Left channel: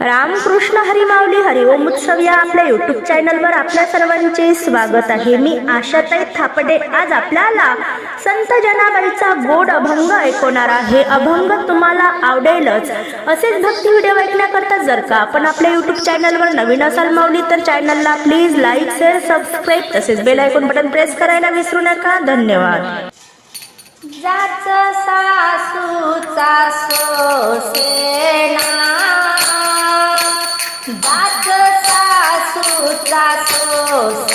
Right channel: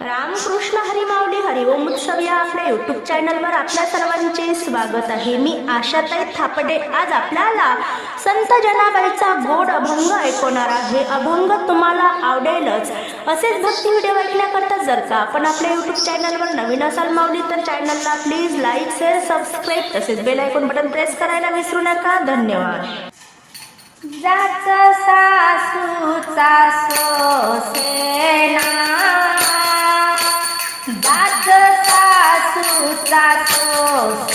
रामकृष्ण हरिमावली हरिओम उत्सव या आपल्या युट्यूब चॅनलवर आपल्या सर्वांचे स्वागत आहे. मी आशाताई थापडे. आज आपल्याला संत जनाबाईचा गोड अभंग ऐकवणार आहे. अभंग तुम्हाला आवडेलच. असेच भक्ती व्हिडिओ ऐकण्याकरता जर का आपण आपल्या युट्यूब चॅनलवर नवीन असाल मावली तर चॅनलला प्लीज लाईक शेअर सबस्क्राईब तसेच बेल ऐकून बटन प्रेस करायला विसरू नका. धन्यवाद. जाच सासूचा सोसे सासूचा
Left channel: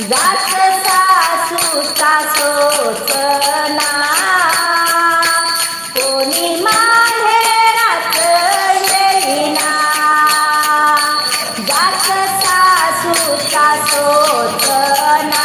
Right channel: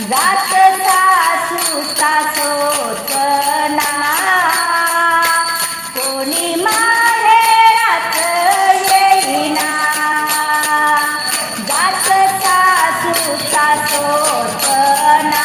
जात सासू सासोच ना कोणी माहेरात येईना. जात सासू सासोच ना